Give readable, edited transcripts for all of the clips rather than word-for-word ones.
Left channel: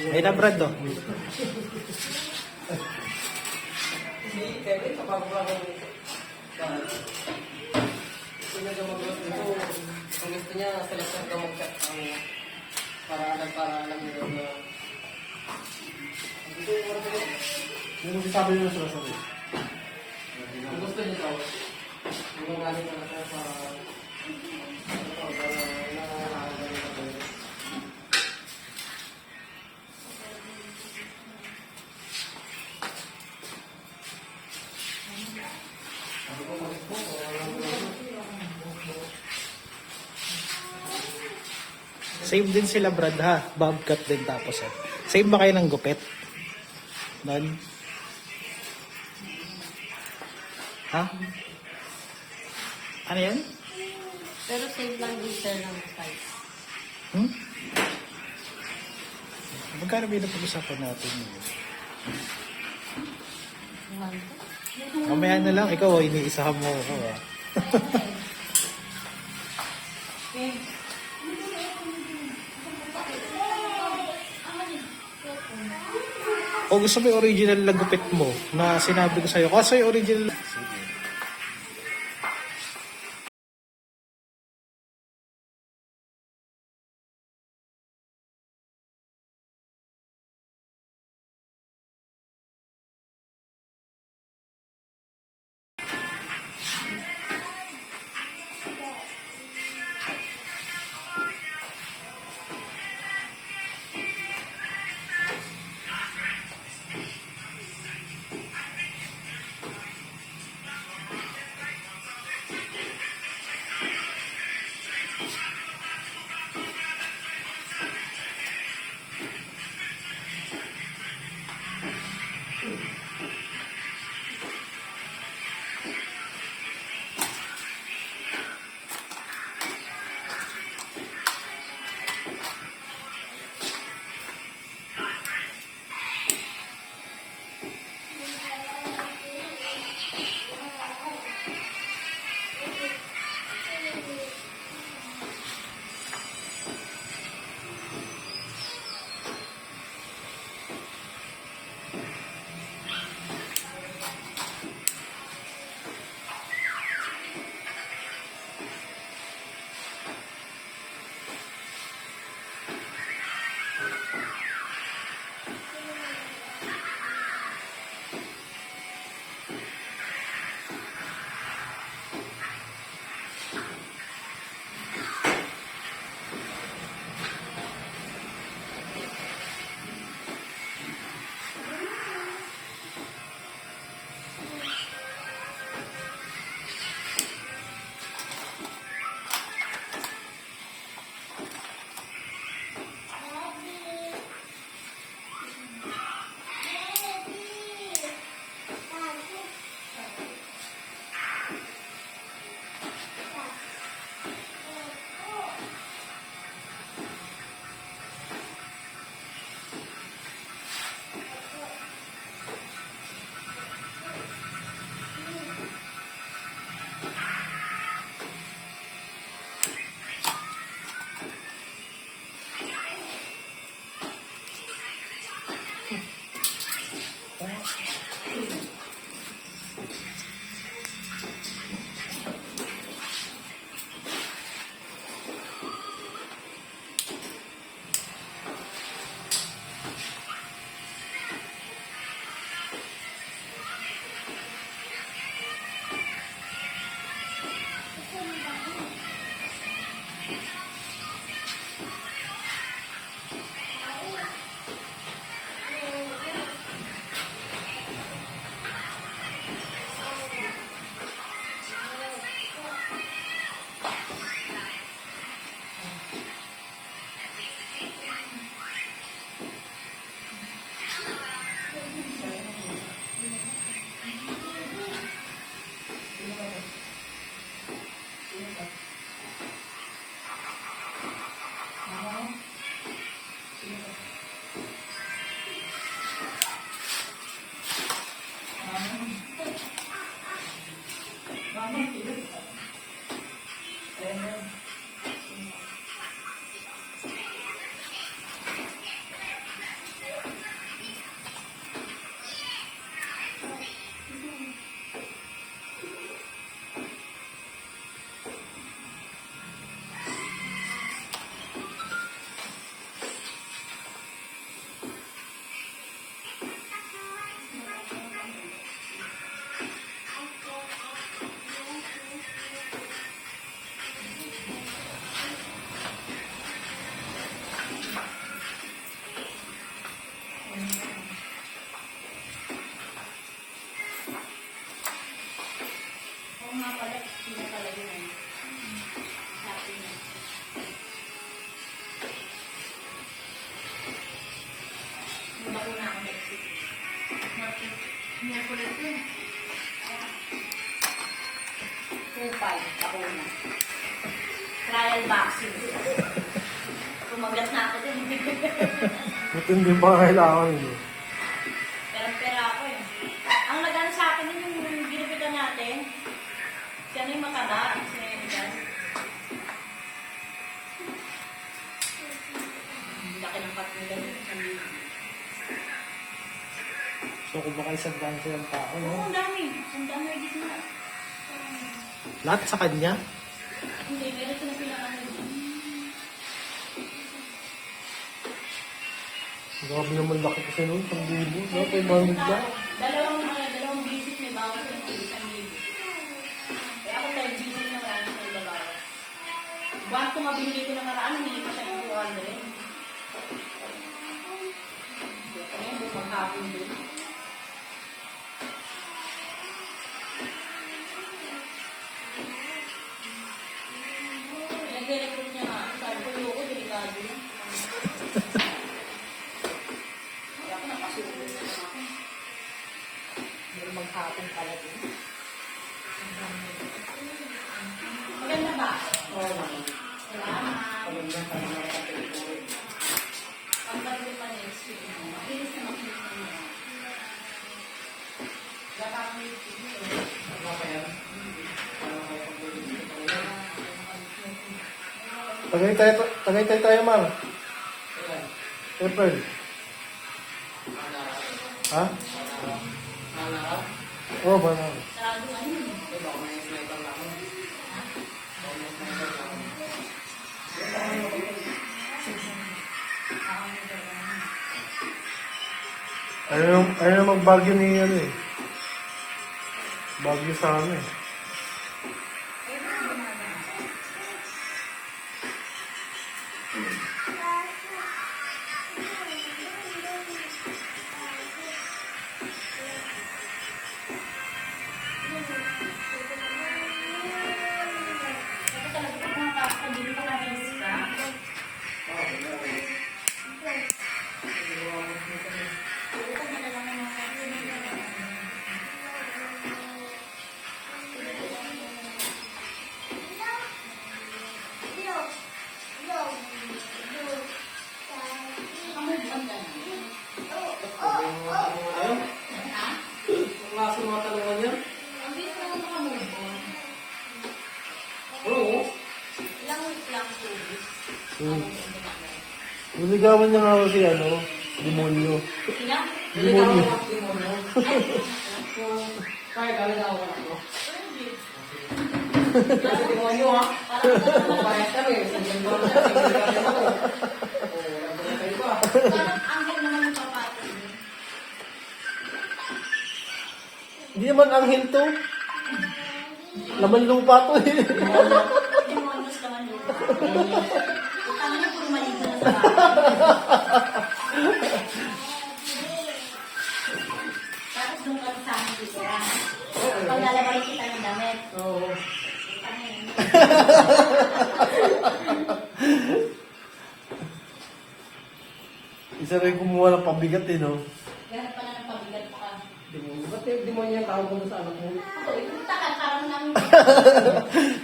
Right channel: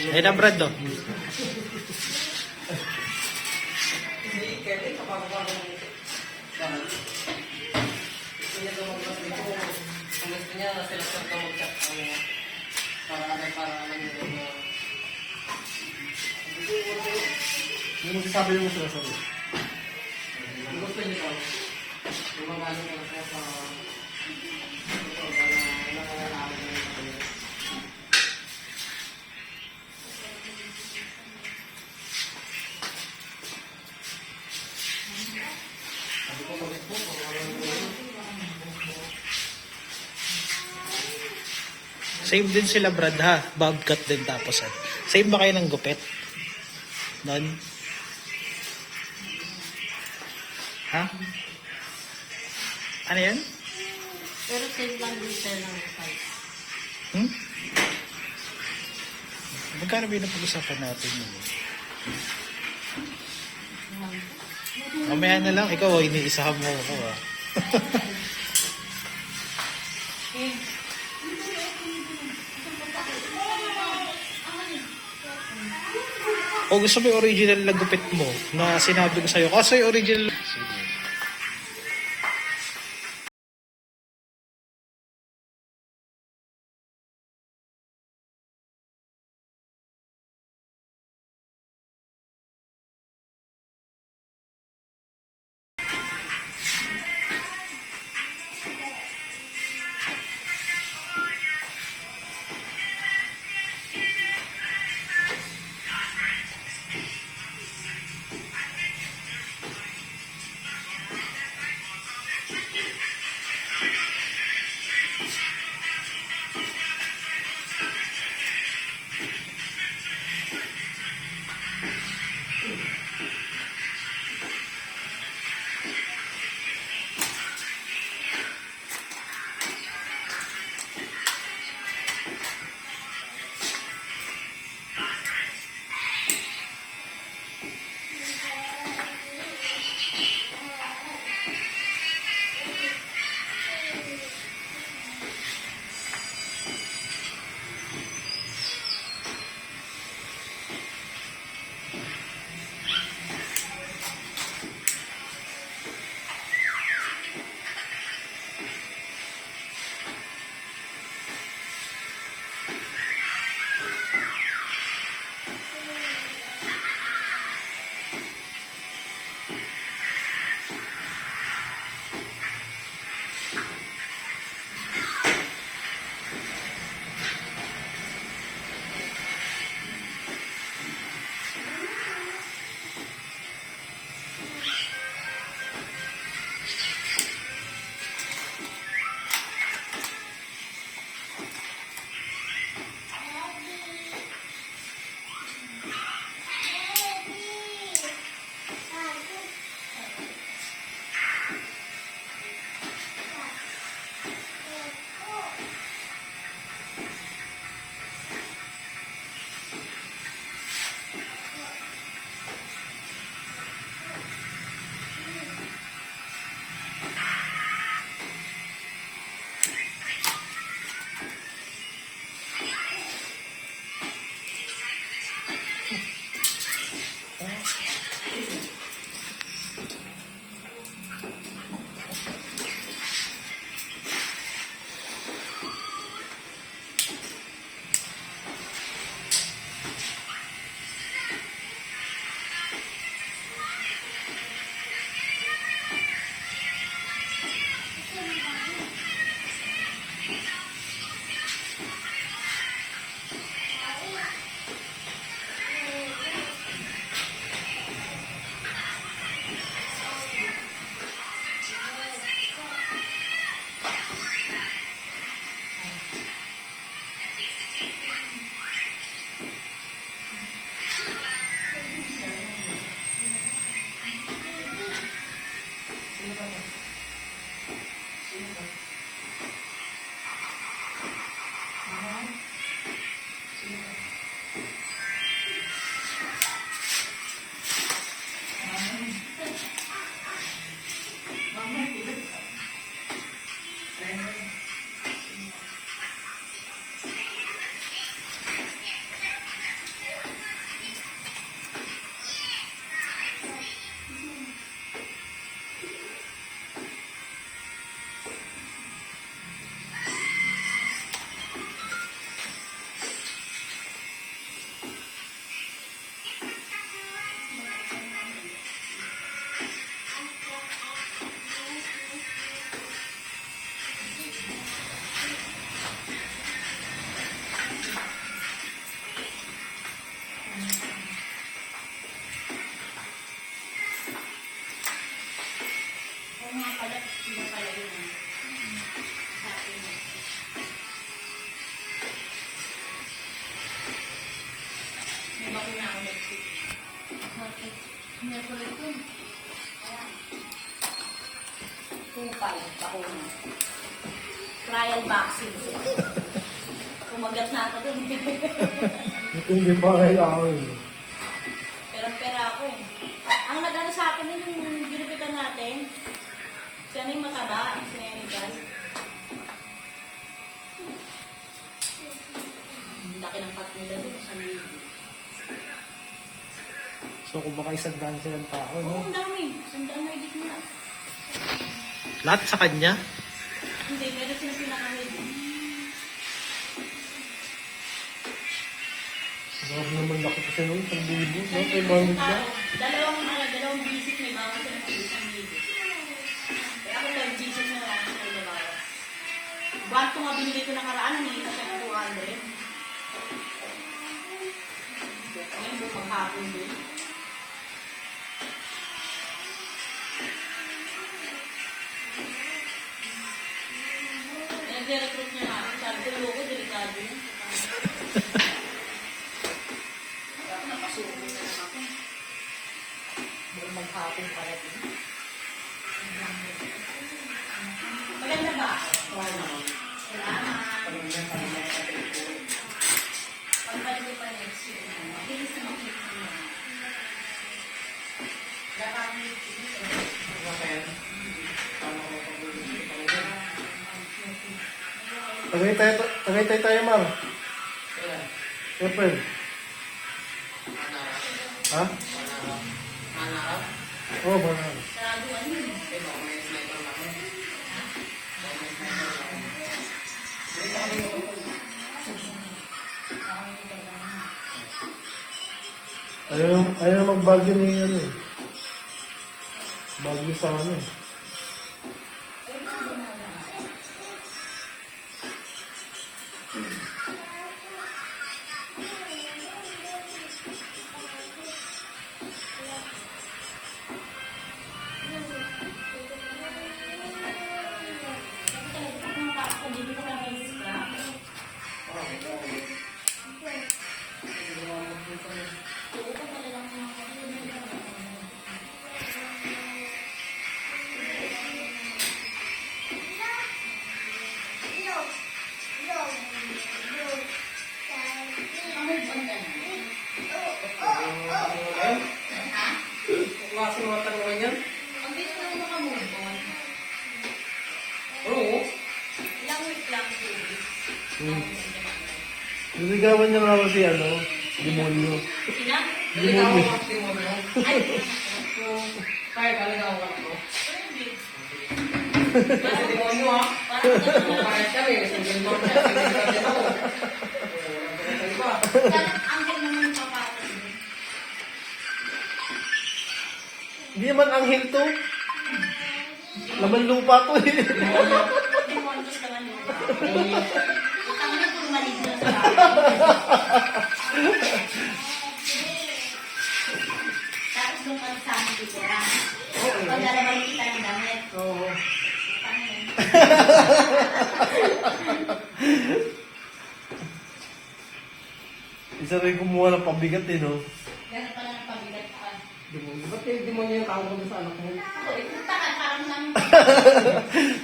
Ayun na, Brad, oh. Hindi mo sasabi yung sinasabi. Same din sila, Brad, ha? Bobcat din tapos, eh. Same ba kayo ng gupit? Doon? Ha? Ano yan? Pero save lang din siya ng size. Hmm? Magkano ba yung napag-usapan natin yun? Mamaya na lang, ikaw, iniisahan mo ako, ha? O gusto mo yung original na gupit mo na sinabi ko sa'yo? Kasi original... Sige. Ako na. Trial vaccine. Kumagat na ako din. Buti hindi pa kailangan yun. Pera ako eh. Ang nag-ano sa akin yun, yung ginupitan natin, siya na yung mataba, si Nenigal. Laki ng pat nila yun. So, kung baka isang gansa yung tao, Oo, no? ang dami. Ang dami dito na. Lahat sa kanya? Hindi, meron silang pinakamid. Grabe naman laki kasi nun, 1,000, no? 500 lang. Dalawang visit may bago sa mga isang libo. Kaya ako lang visit na lang sa dalawa. Buwan ko mabili ko nakaraan, hindi pa sa 200. Kaya bukang hapon din. Nag-recruit niya nga. Sabi ko, yoko, delikado yun. Kaya ako napasukin na lang ako. Hindi maghapon pala din. Maganda ba? Oo naman. Salamat. Ang ganda pa next year. Bilis na makita mo. Gagawin ko. Tagaytay tayo, Mar. April. Ha? Oo, banal. Sarado ano yun? Ayaw magbagyo ni ano eh. Bagyo sa ano eh. Ang bilis naman nakamove on. Ilang week lang po. Niligawan niya nga ako si ano, demonyo. Ilang? Demonyo. Kaya talaga ako ako. Kasi Kasi mo mo ha. Parehas kami. Ang galing naman yung papatid mo. Hindi naman anghel to. Laman lupa to eh. Demonyos naman yun. Ang ina kung maligno sa tapos doon ka sa amin dito lang. Pag lalabalik kita ng damit. Oo. Isa rin kumuha ng pabigat eh, no? Meron pala ng pabigat pa. Demonyo. Ba't yung demonyo yung tawag mo sa anak mo? Ako, ipunta ka, parang namin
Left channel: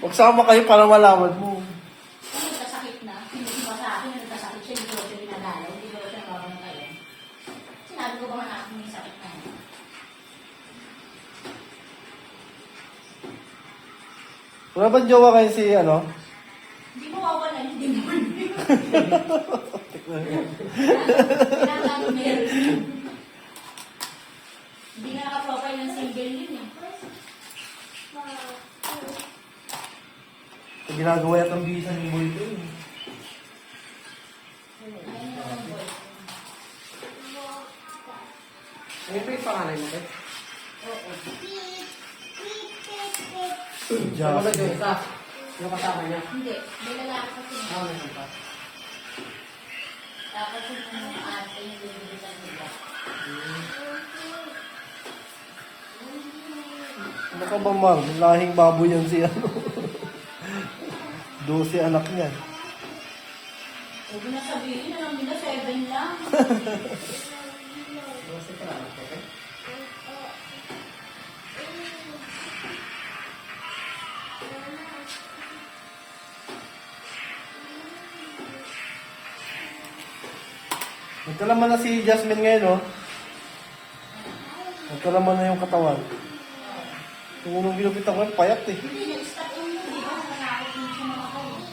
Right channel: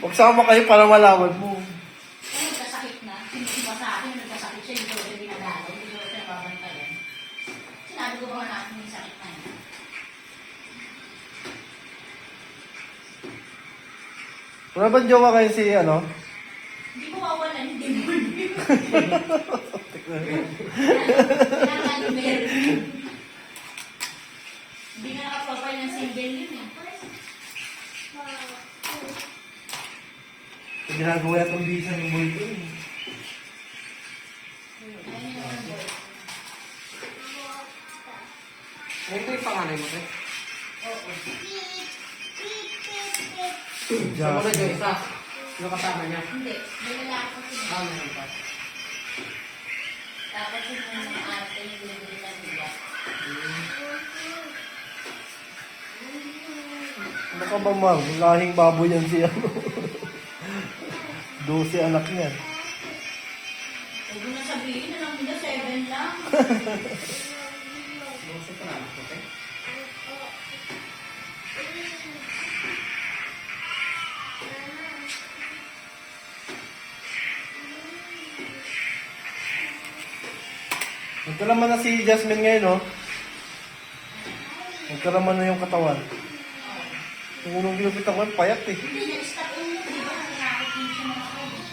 Magsama kayo para malaman mo. kung nagkasakit na. Sinisin mo sa akin, nagkasakit siya, hindi ko siya dinadalaw, hindi ko siya nababantayan. Sinabi ko ba na akin yung sakit na yun? Wala bang jowa kayo si ano? Hindi mo mawawalan yung demonyo. Hindi nga nakapapay ng single yun eh. Ginagawa yata ng bisa ng boy ko eh. Ayun yung mga boy. Ano ito yung pangalan mo? Oo. Ano ba Jasmine. yung isa? Ano kasama niya? Hindi. May lalaki ko sila. Ano naman pa? Tapos yung mga ate yung bibilitan nila. Ano ka ba, Mar? Lahing baboy yan si ano. 12 anak niyan. Huwag mo na sabihin, alam nila 7 lang. Ano sa pangalan ko? Nagkalaman na si Jasmine ngayon, no? Nagkalaman na yung katawan. Yung unang ginupit ako, payat eh. Hindi, na-stop ulo, di ba? Nakakit din siya makakain.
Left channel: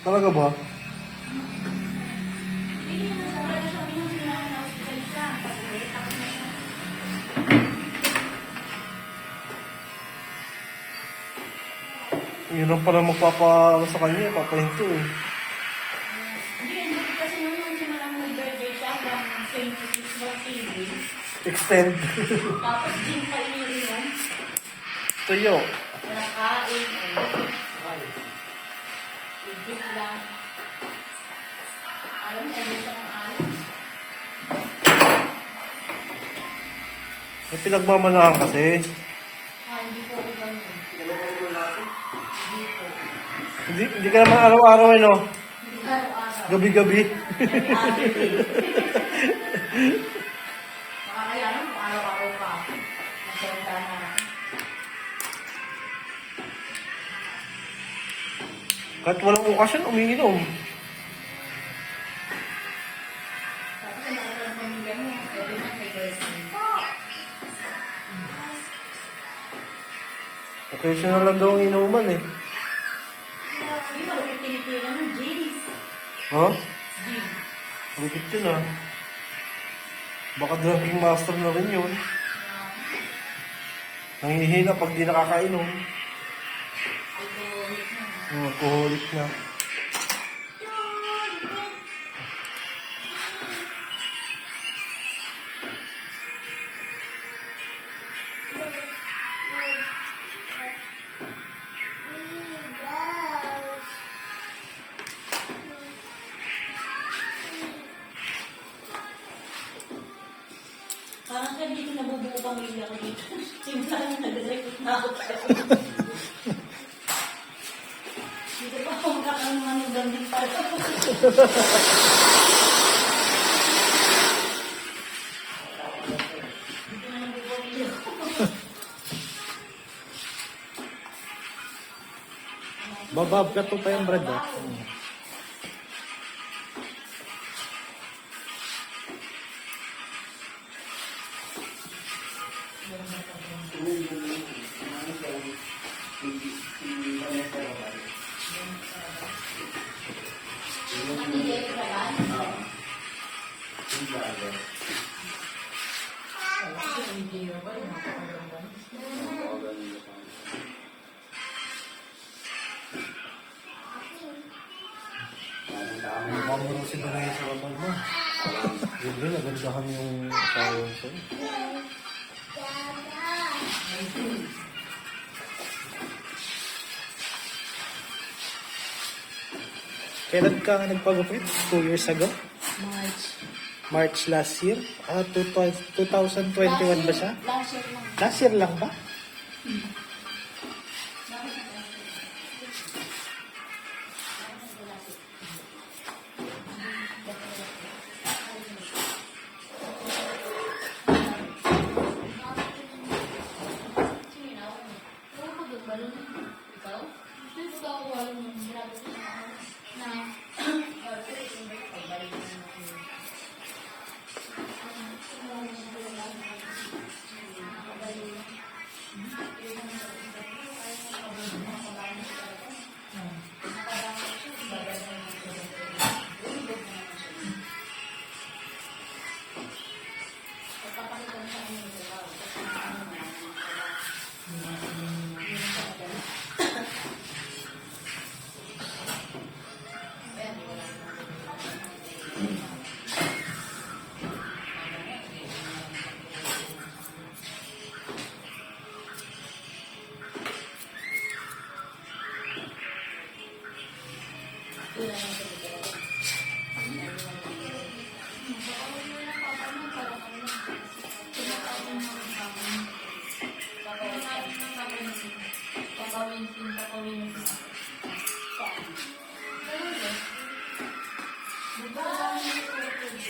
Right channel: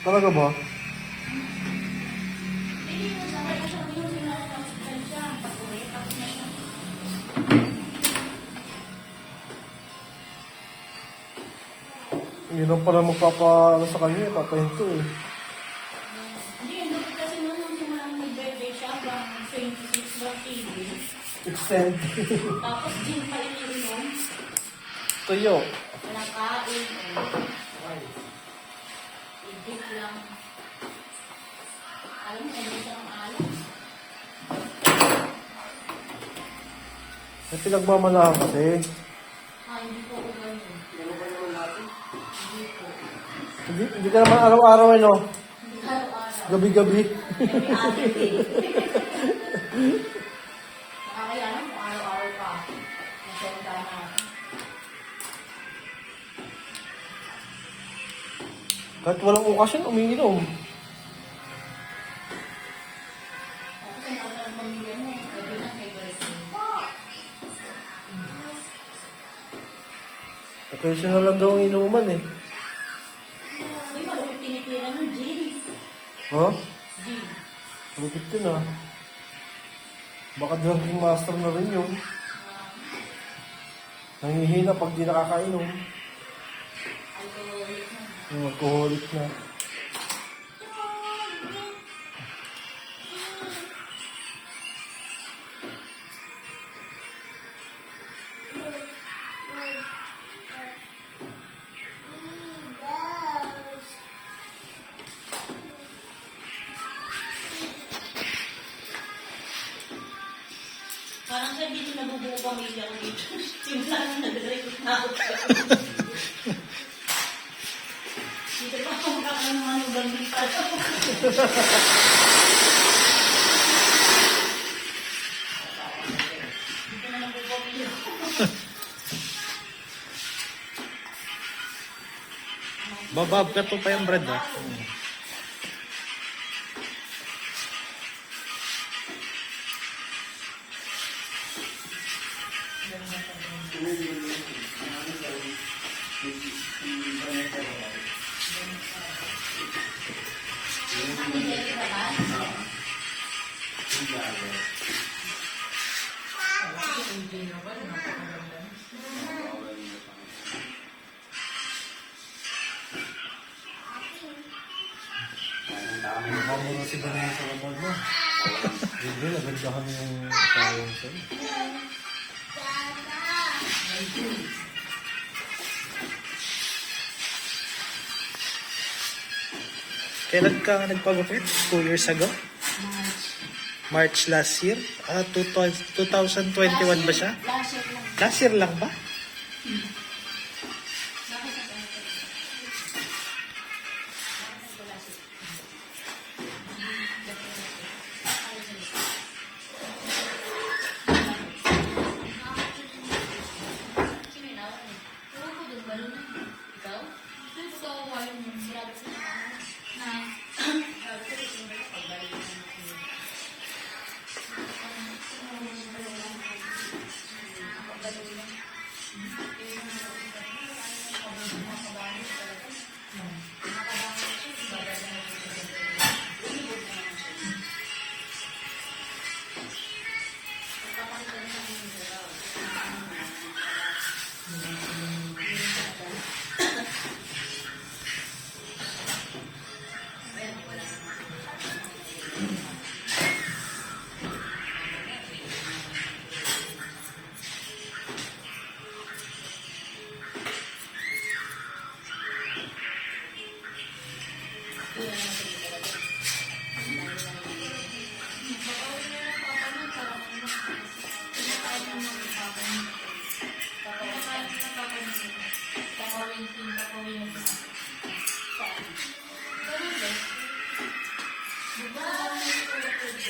Talaga ba? Hindi, nasabi ko siya, yun, na-hospital siya. Tapos na siya. Yun lang pala magpapa sa kanya, papahinto eh. Hindi, ano kasi nung siya naman nag-birthday siya, hanggang 26 birthday day. Extend. Tapos din kayo rin Tuyo. wala kain, ibig lang. Alam mo, ayun siya ng alam. May pinagmamalahan kasi. Hindi ko ako ganyan. Hindi ka naman araw-araw eh, no? Hindi araw-araw. Gabi-gabi. Makakayanan kung araw-araw ka. Magsalita na. Kahit walang okasyon, umiinom. Tapos ang nakakal ng pamilya mo, every night may girlfriend. Occasional lang daw ang inuman eh. Hindi ba ulit tinitira ng jeans? Ha? Jeans. Lupit yun ah. Baka drinking master na rin yun. Nangihina pag di nakakainom. Alcoholic na. Alcoholic na. Parang sa dito nabubuo pamilya ko dito. Simula nang nag-recruit na ako. Dito pa ako makakaroon mga lugang din pala. Dito na nabubuo pamilya ko. Babab ka to pa yung bread ah. Mukha mo rin si Banay sa kapal mo. Hindi, nagandahan yung asawa mo sa'yo. Kailan ka nga nagpagupit? 2 years ago? March. March last year? 2021 ba siya? Last year lang. Last year lang ba?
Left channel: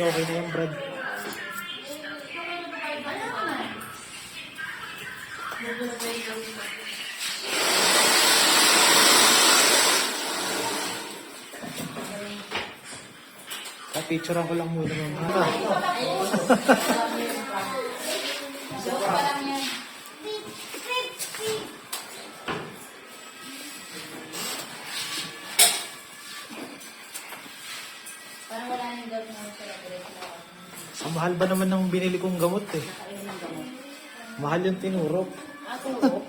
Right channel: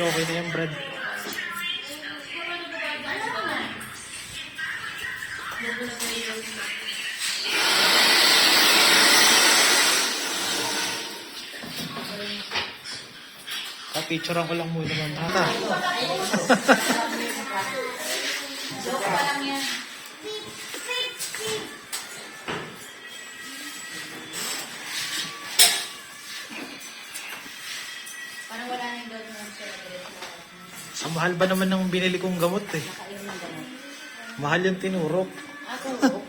Okay na yung bread. Papicturean ko lang muna, ma'am. Ha? Joke pa lang yan. Parang wala nang gawin ng sir. Sa mahal ba naman ng binili kong gamot eh? Mahal yung tinurok. Ako,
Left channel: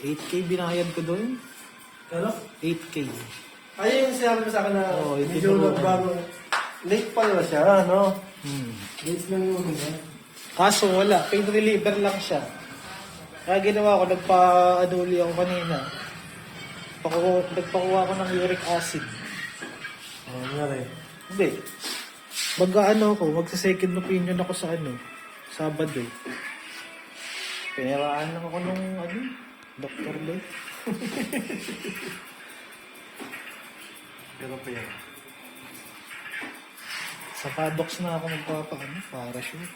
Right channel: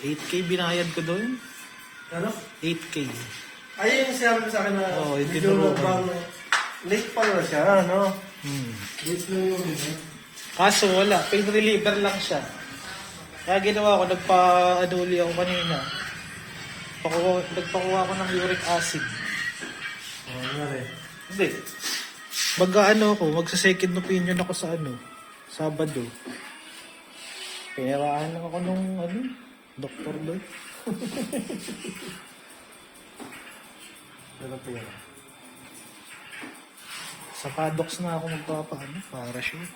8K binayad ko doon. Ano? 8K. Ay, yung sinabi mo sa akin na Oo, yung medyo tinurukan. bago. Late pa na siya, no? Dates na yun, di ba? Kaso wala, pain reliever lang siya. Kaya ginawa ko, nagpa-aduli ako kanina. Nagpakuha ko ng uric acid. Oo, nga rin. Hindi. Magsa-second opinion ako sa Sabado. Pinaraan ako nung doktor doon. Ganun pa yan. Sa paddocks na ako parachute.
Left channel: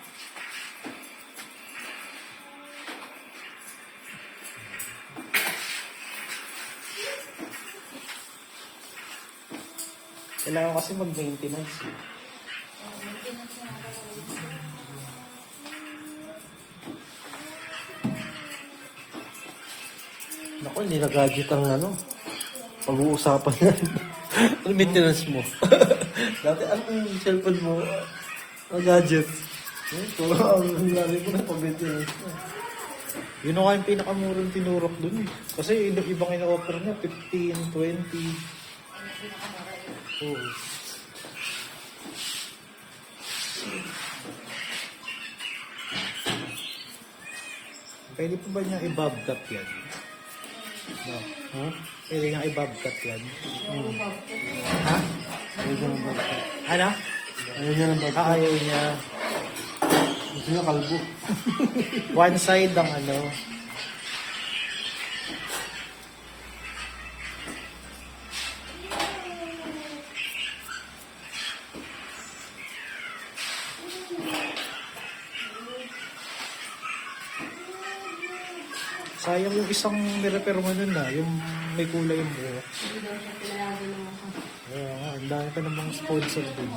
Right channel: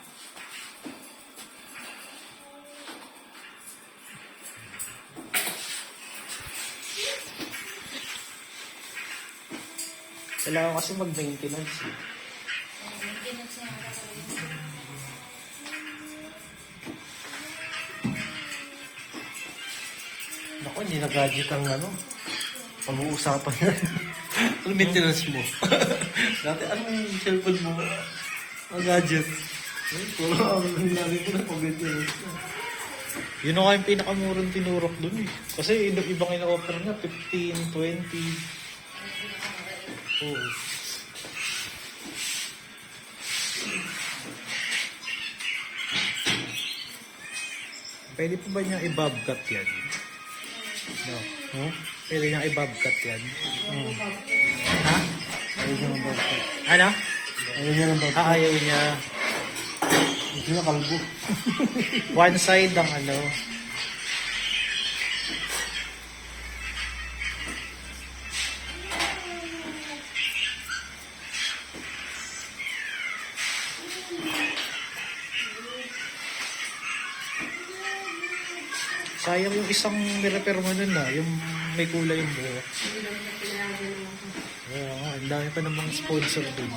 Kailangan kasi mag-maintenance. Naku, hindi na gadget ang pag-uusapan yan. Ang maintenance mo. Dati ang cellphone mo, ang gadget. Kung ang lagi ko na pag-maintenance mo. Yun nga yung pinakamurang tinurok dun eh. Kasi ibang ina-offer niya, 15, 20. Oo. Pwede pa ba niya i-bobcat yan? No. Huh? Pwede niya i-bobcat yan? Ha? Ayaw niya ng bagay. Ano? Ayaw niya ng bagay. Ayaw niya. Gusto niya kalbo. One side ang sayang yung isang nirepair mo nun yung may kulay yung buhok. Kaya nga, ang dami pa namang sponsor dun.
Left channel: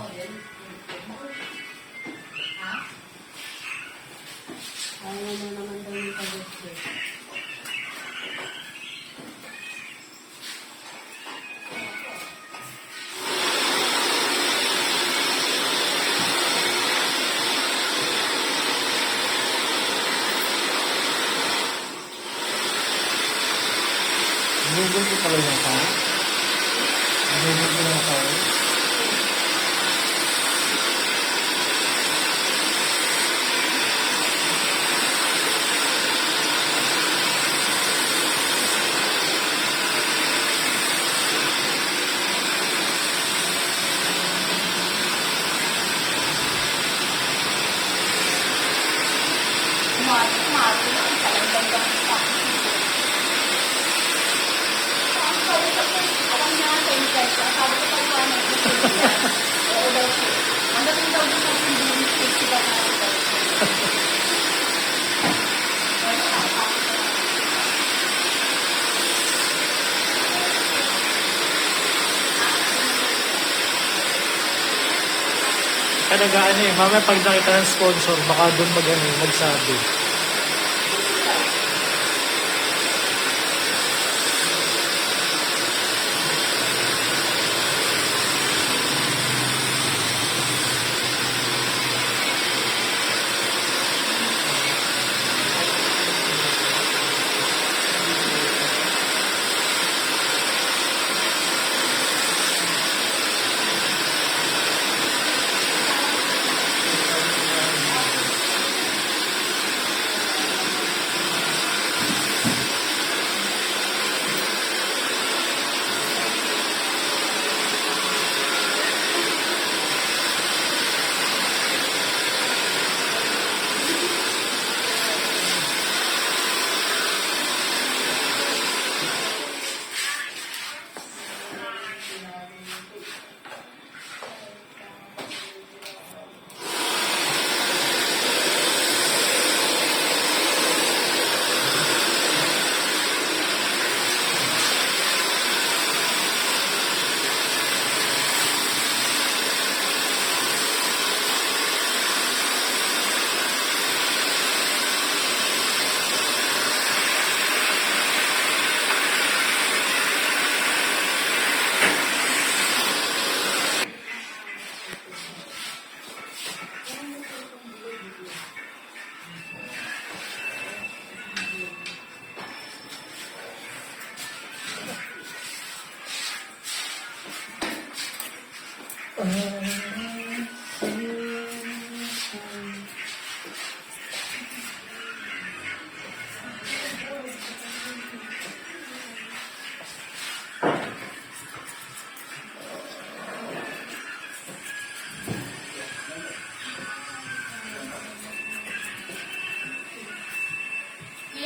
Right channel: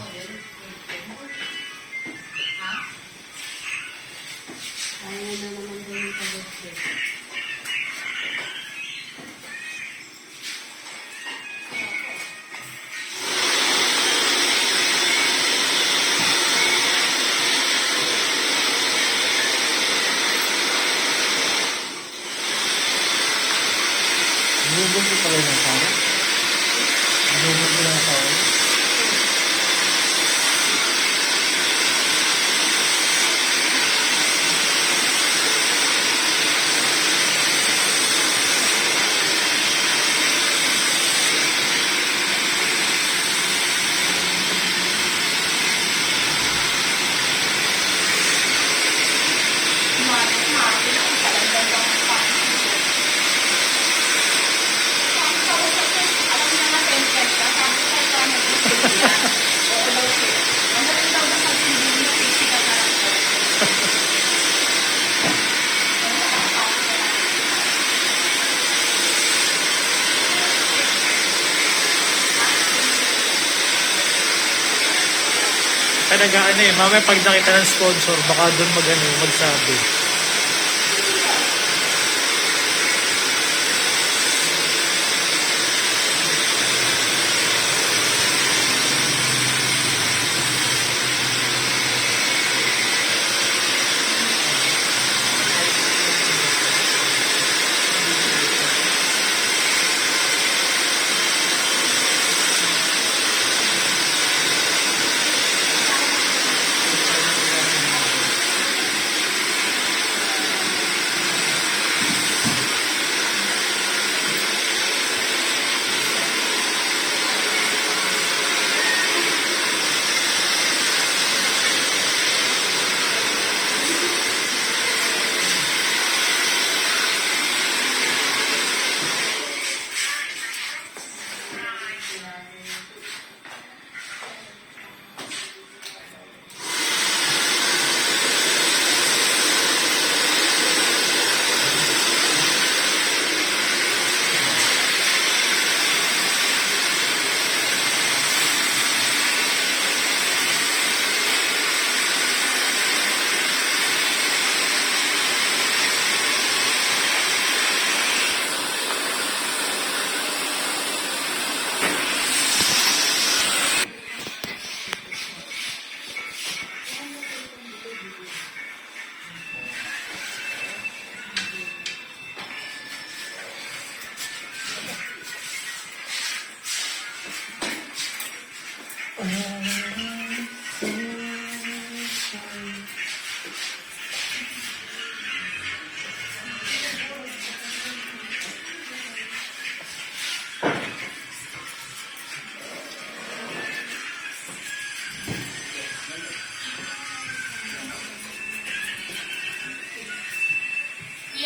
ayaw na naman daw yung pag-ibig. Ginugol ko pala yung tao. Ginugol ko lang tao. Talaga mamaya pag nakita ng sponsor, baka doon magsabi. Iya,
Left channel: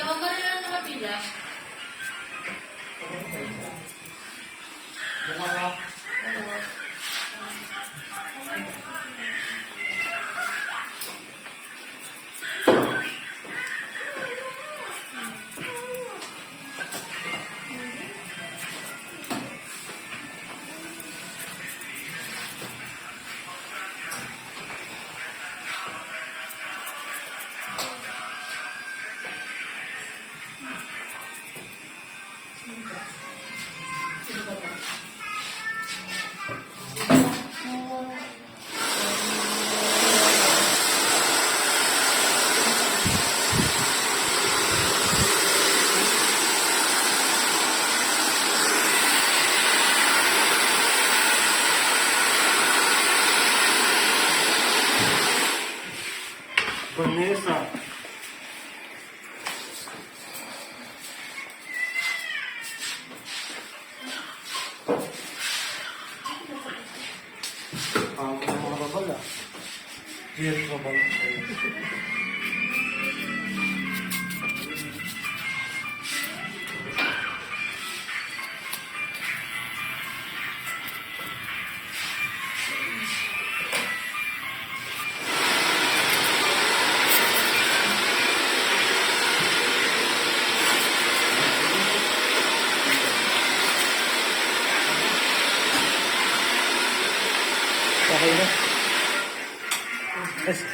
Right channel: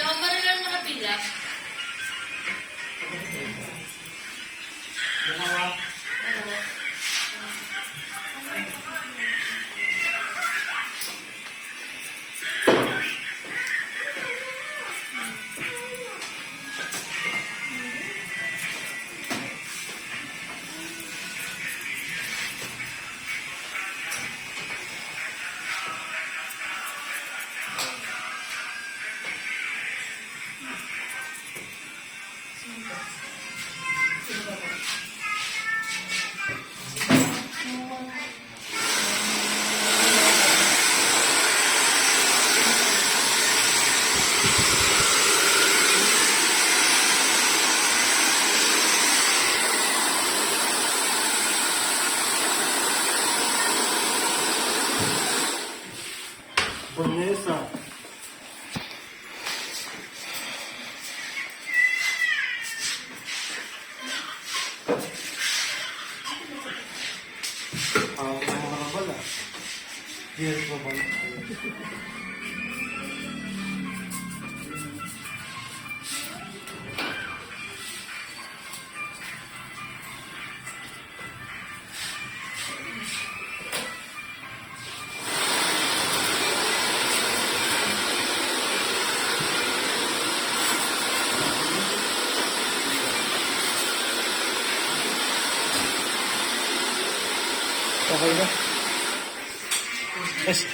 ako na lang nakapila. Vanessa. Ang mga babal ah. Yes, babal. Okay na. Yes.